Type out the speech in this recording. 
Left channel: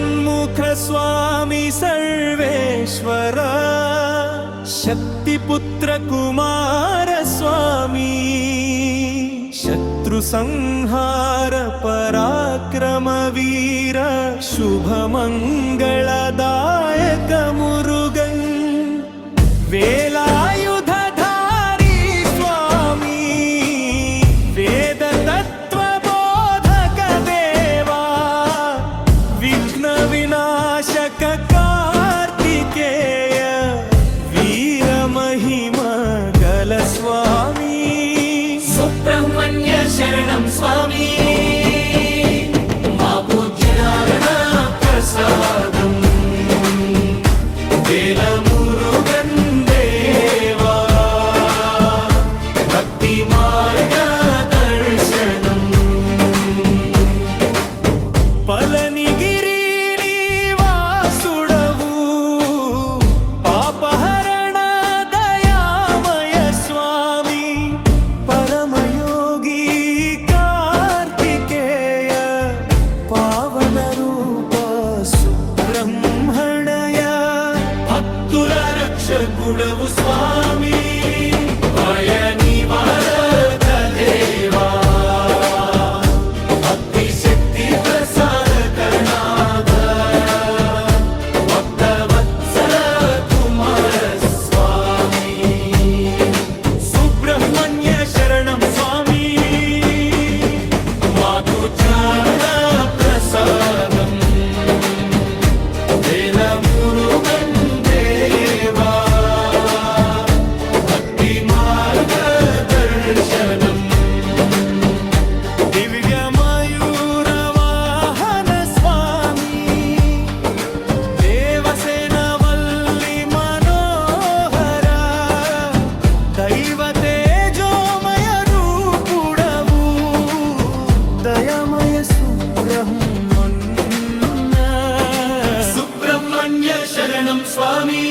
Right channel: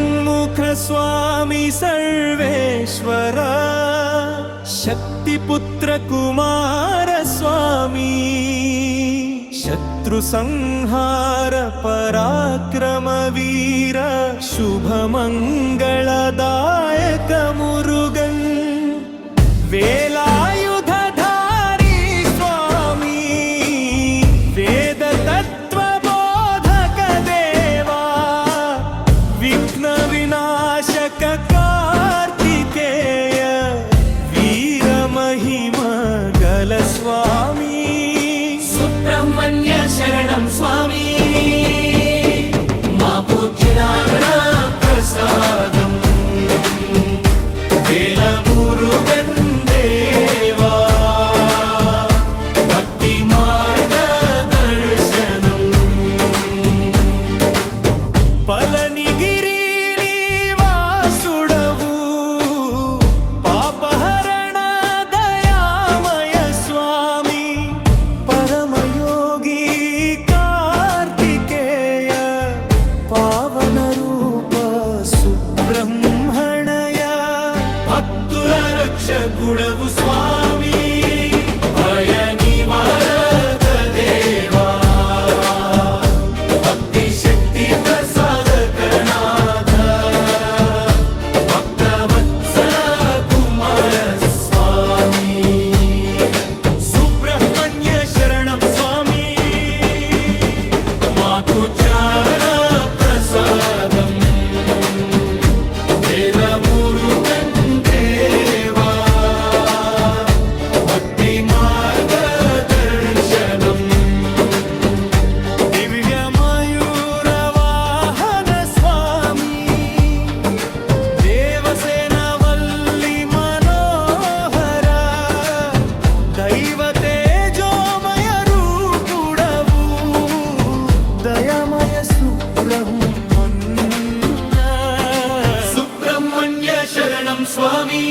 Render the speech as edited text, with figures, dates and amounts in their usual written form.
षण्मुख स्वामी सर्वेश्वर शक्तिपुत्र कुमार स्वामी शत्रु संहार पराक्रम वीर शुभ मंगलदायक मुरुगन वेलायुधधारी स्वामी वेद तत्व बोधक देवा विघ्न विनाशक कार्तिकेय वीर महिमा गल स्वामी सुब्रह्मण्य शरणं स्वामी मा पूज्यनारायण प्रसादम् वेलमुरुगन् देवा भक्ति मार्गदर्शनम् पलनिगिरि निवासुडवु पापहरण दयामय स्वामी परमयोगी कार्तिकेय पावन रूप सुब्रह्मण्य भक्तुल रक्षकुडवु स्वामी भय निवारक देवा भक्ति शक्ति प्रसादक नाथ भक्तवत्सल कुमार स्वामी सुब्रह्मण्य शरणं स्वामी मातु चरण प्रसादम् वेलमुरुगन् देवा भक्ति मार्गदर्शनम् दिव्यमयूरवाहन स्वामी देवसेनवल्ली मनोहर दैव तेजोमय रूपुडवु दयामय सुब्रह्मण्य सुब्रह्मण्य शरणं स्वामी